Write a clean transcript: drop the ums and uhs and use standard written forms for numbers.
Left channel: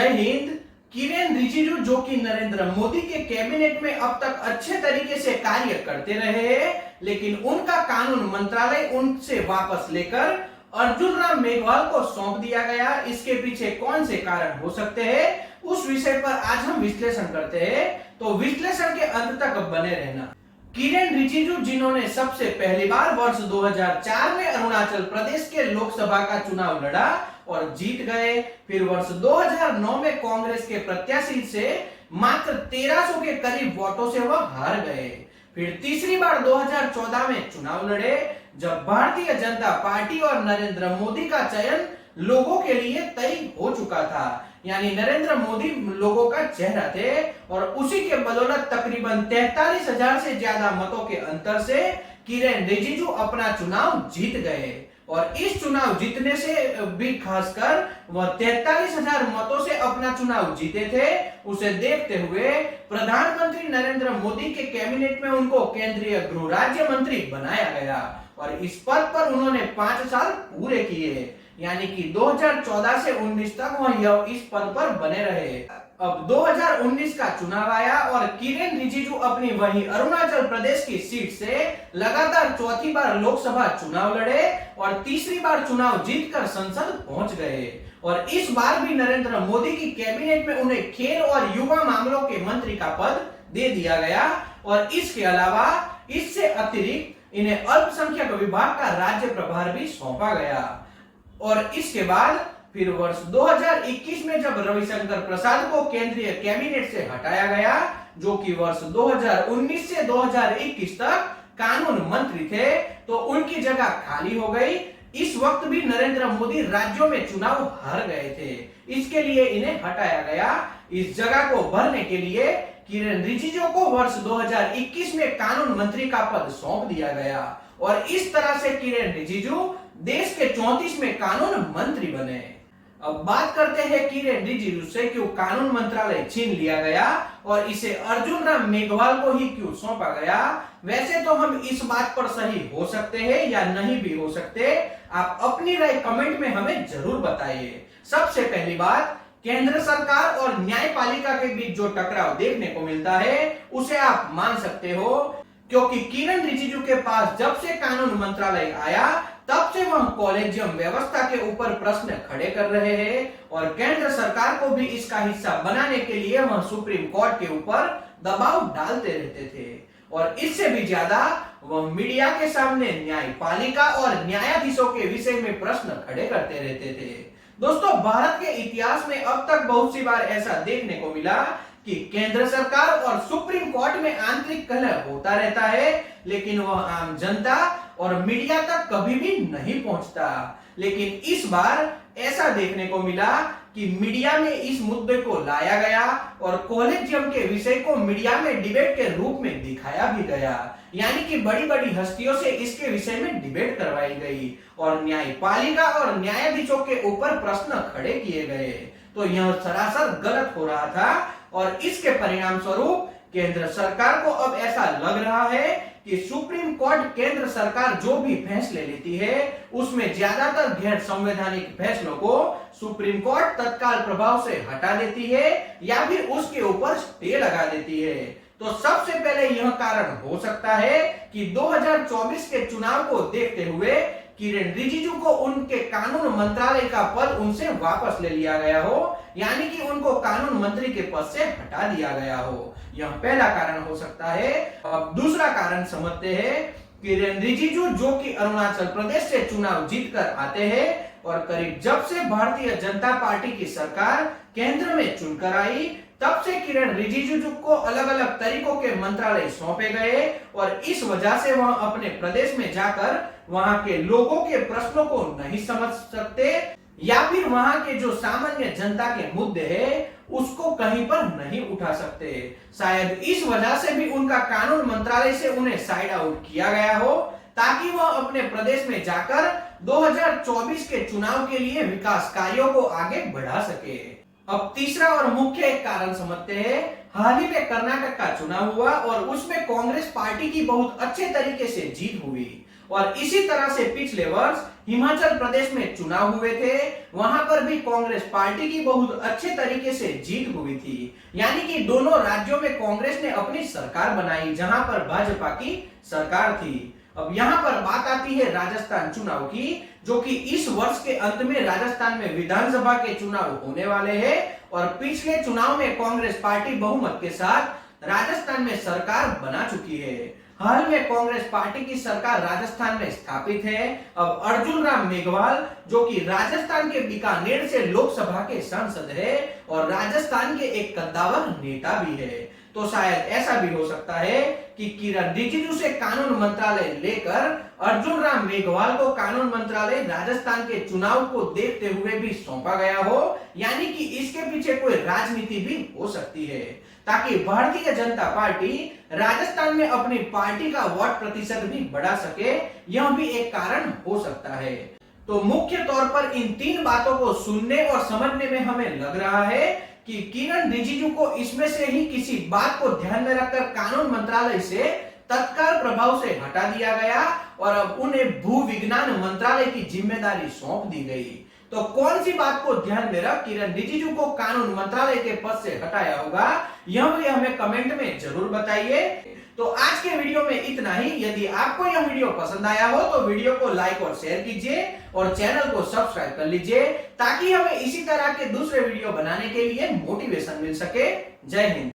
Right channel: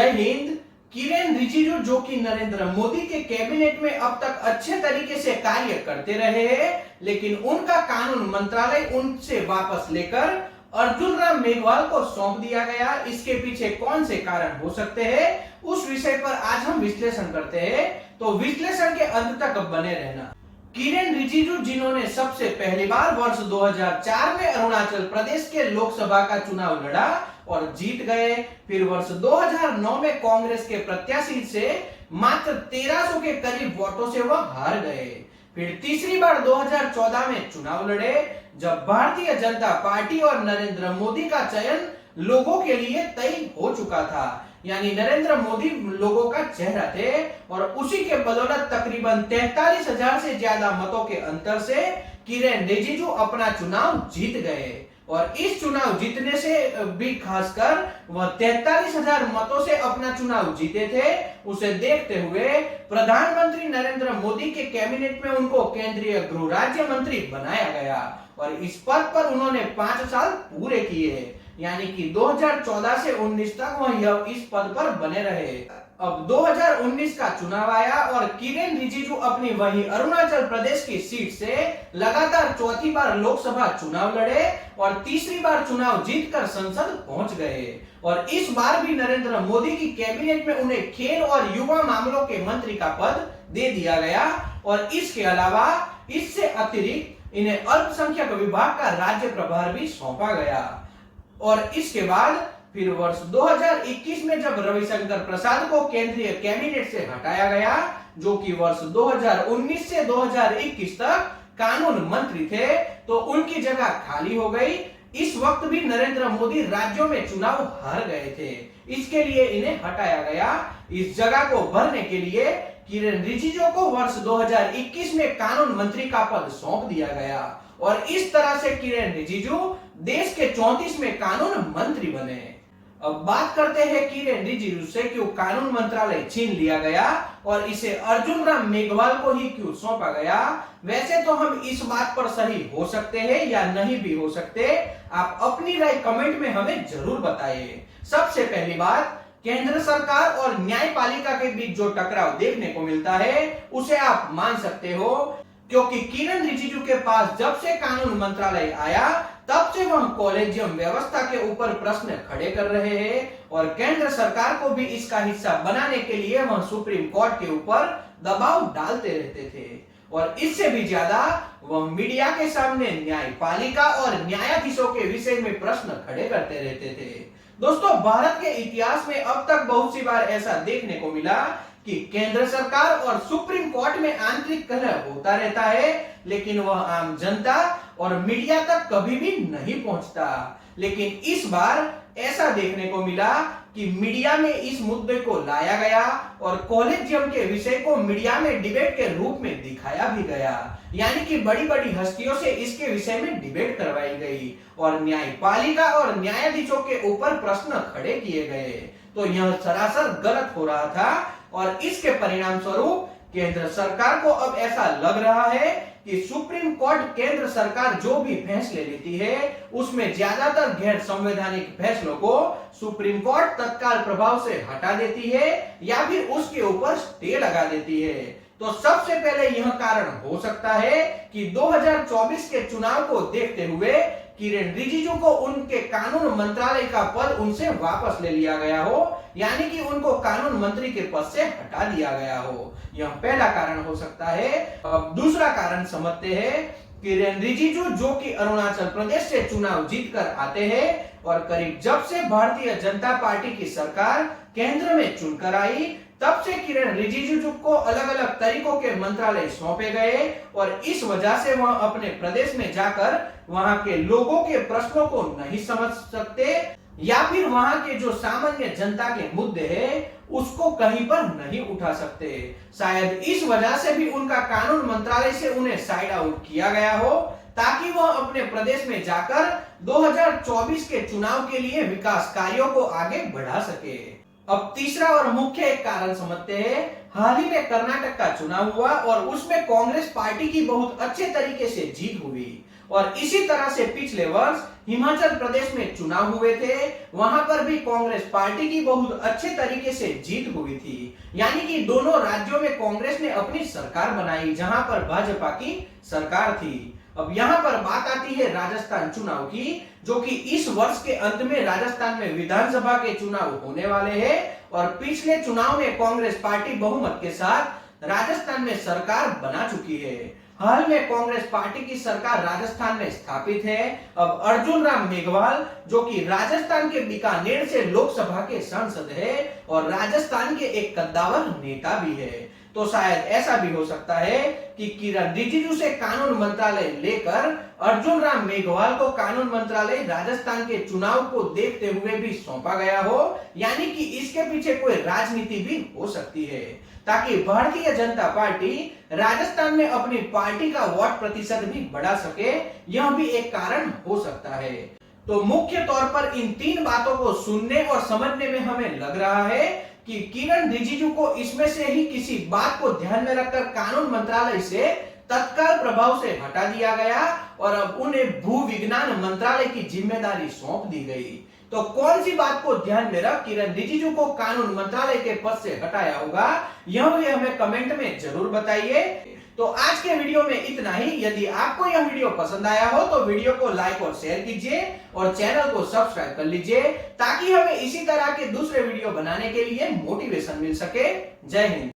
जय हिंद। किरेन रिजिजू जो कि नरेंद्र मोदी के कैबिनेट में अब तक अच्छे तरीके से कार्य करते रहे हैं, लेकिन उनका कानून मंत्रालय उनसे वापस लेकर अर्जुन राम मेघवाल को सौंप दिया गया। इसके पीछे कौन से कारण हो सकते हैं, उस विषय पर आज हम विश्लेषण करते हैं, तो विश्लेषण के अंत तक बने रहना। किरेन रिजिजू जिन्होंने सबसे पहली बार वर्ष 2004 में अरुणाचल प्रदेश के लोकसभा का चुनाव लड़ा और जीत गए, फिर वर्ष 2009 में कांग्रेस के प्रत्याशी से मात्र 1300 के करीब वोटों से वह हार गए, फिर तीसरी बार 2014 में चुनाव लड़े जब भारतीय जनता पार्टी और नरेंद्र मोदी का चयन लोगों के लिए तय हो चुका था, यानी नरेंद्र मोदी लोगों का चेहरा थे और उसी के बदौलत तकरीबन 43,000 से ज्यादा मतों के अंतर से किरेन रिजिजू अपना चुनाव जीत गए। और इस चुनाव जीतने से भी खासकर वह 43,000 मतों से अपना चुनाव जीते थे, उसे देखते हुए प्रधानमंत्री नरेंद्र मोदी के कैबिनेट में उनको केंद्रीय गृह राज्य मंत्री बनाया गया और इस पद पर उन्होंने 5 साल पूरे किए, यानी कि 2014 से 19 तक वह इस पद पर बने रहे। अब 2019 का चुनाव आया और किरेन रिजिजू अपनी वही अरुणाचल प्रदेश की सीट से लगातार चौथी बार लोकसभा चुनाव लड़े और तीसरी बार चुनाव जीतकर संसद पहुंच गए और इस बार भी नरेंद्र मोदी की कैबिनेट में उन्हें खेल और युवा मामलों के मंत्री का पद दे दिया गया और इसके अलावा इससे अतिरिक्त इन्हें अल्पसंख्यक विभाग का राज्य प्रभार भी सौंपा गया। और इसके बाद फिर वर्ष 2021 में जब रविशंकर प्रसाद को केंद्रीय कैबिनेट से हटाया गया, जो कि वर्ष 2019 से 2021 तक कानून मंत्री थे, तो उनकी जगह खाली हो गई। इस वक्त भी नरेंद्र मोदी राज्यों में चुनाव हार गए थे, इसके लिए इन्हें हटाया गया। इस जगह को भरने के लिए किरेन रिजिजू को वर्ष 2021 में कानून मंत्री का पद सौंप दिया गया और इस तरह से किरेन रिजिजू देश के 34वें कानून मंत्री बने। अब बात करते हैं किरेन रिजिजू से क्यों कानून मंत्रालय छीन लिया गया और इसे अर्जुन राम मेघवाल को ही क्यों सौंपा गया। वैसे तो हम इस बात पर सही हो सकते हैं या नहीं भी हो सकते, आप अपनी राय कमेंट में हमें जरूर बताइए। सबसे पहली बात, केंद्र सरकार और न्यायपालिका के बीच जो टकराव देखने को मिलता है उसे आप मान सकते हो, क्योंकि किरेन रिजिजू के पास जब से कानून मंत्रालय आया तब से वह कॉलेजियम व्यवस्था के ऊपर प्रश्न खड़े कर रहे हैं और केंद्र सरकार को भी इसका हिस्सा बनाने के लिए वह सुप्रीम कोर्ट के ऊपर दबाव डालते रहते थे और इससे भी ज्यादा वह मीडिया के सामने न्यायपालिका और न्यायाधीशों के विषय में प्रश्न खड़े करते रहते थे। दोस्तों, भारत के इतिहास में अब तक बहुत सी बार ऐसा देखने को मिला कि केंद्र सरकार और सुप्रीम कोर्ट में आंतरिक कलह होता रहता है, लेकिन वह आम जनता और मीडिया तक कभी भी नहीं पहुंचता। लेकिन इस बार ऐसा देखने को मिला कि मीडिया में इस मुद्दे को लाया गया और कॉलेजियम के विषय को मीडिया में डिबेट के रूप में दिखाया भी गया, यानी कि बड़ी बड़ी हस्तियों से इसके विषय में डिबेट करवाई गई और न्यायपालिका और न्यायाधीशों के ऊपर प्रश्न खड़े किए गए। तो यह सरासर गलत हो रहा था और इसके परिणाम स्वरूप केंद्र सरकार को अब ऐसा लग रहा है कि सुप्रीम कोर्ट केंद्र सरकार जो भी फैसले लेती है उसमें ज्यादातर गैर संवैधानिक फैसलों को सुप्रीम कोर्ट तत्काल प्रभाव से हटा देती है या फिर उसके ऊपर स्टे लगा देती है। तो सबसे पहले यह कारण हो सकता है कि 2024 के चुनाव को देखते हुए किरेन रिजिजू को उनके कानून मंत्रालय का पद उनसे वापस ले लिया गया हो, यानी कि उनको कानून मंत्री के पद से हटा दिया गया हो। यह पहला कारण हो सकता है। अब दूसरा कारण समझते हैं। किरेन रिजिजू जो कि अरुणाचल प्रदेश से चुनाव जीतकर आते हैं और करीब जब से भारतीय जनता पार्टी की सरकार केंद्र में चुनकर आई तब से किरेन रिजिजू को अलग अलग तरीकों के मंत्रालय सौंपे गए और इस वजह से वह अपने प्रदेश में जाकर वहां के लोगों के प्रश्नों को नहीं समझ सकते या फिर वहां के जो सामान्य जनता के मुद्दे हैं उसको कहीं पर नहीं उठा सकते। शायद इस वजह से भी उनका कानून मंत्रालय से उन्हें साइड आउट किया गया हो ताकि वह अपने प्रदेश में जाकर 2024 के चुनाव के लिए विकास कार्यों को आगे बढ़ा सके। अब तीसरा और मुख्य एक कारण समझते हैं। हाल ही में कर्नाटक का चुनाव हुआ और उसमें कांग्रेस पार्टी की बहुत अच्छे तरीके से जीत हुई और इसी तरह से पिछले वर्ष हिमाचल प्रदेश में चुनाव हुए थे, वहां पर भी कांग्रेस पार्टी की बहुत अच्छे तरीके से जीत हुई थी। यानी कि दोनों राज्यों में कांग्रेस ने अपनी सरकार बनाई, जहां पर भाजपा की सरकार थी। अब यहाँ पर बात आती है राजस्थान चुनाव की, जो कि इस वर्ष के अंत में राजस्थान में विधानसभा के चुनाव होने वाले हैं और पिछले चुनाव में कांग्रेस पार्टी बहुमत के साथ राजस्थान में सरकार बना चुकी है। हाल में कांग्रेस पार्टी की सरकार राजस्थान में स्थापित है। अब अर्जुन राम मेघवाल, जो कि राजस्थान के बीकानेर से लोकसभा के सांसद है और राजस्थान के एक कद्दावर नेता भी है, तो शायद ऐसा भी हो सकता है कि किरण रिजिजू से कानून मंत्रालय लेकर अर्जुन राम मेघवाल को कानून मंत्रालय राजस्थान के चुनाव को देखते हुए भी सौंपा गया हो। यानी कि इसके पीछे कोई राजनीति भी हो सकती है, ताकि भारतीय जनता पार्टी राजस्थान में अपनी पार्टी का वोट प्रतिशत भी बढ़ा सके। यह भी एक कारण हो सकता है। तो मुख्य तौर पर इन तीन बातों को सुनने और समझने में हमें लग रहा है कि किरण रिजिजू को इसमें से ही किसी बात को ध्यान में रखकर कानून मंत्रालय से तत्काल प्रभाव से हटा दिया गया और अब उन्हें भू विज्ञान मंत्रालय की जिम्मेदारी सौंप दी गई। तो कौन सी बात को ध्यान में रख किरण रिजिजू को कानून मंत्रालय के पद से हटाया होगा, यह भी हमें कमेंट में जरूर बताइए। तो आज के वीडियो में इतना ही। यदि आपको यह वीडियो पसंद आया हो तो वीडियो को लाइक और शेयर कीजिए और चैनल को सब्सक्राइब कर लीजिए, ताकि हमें इसी तरह के दूसरे वीडियो बनाने के लिए मोटिवेशन मिल सके। जय हिंद।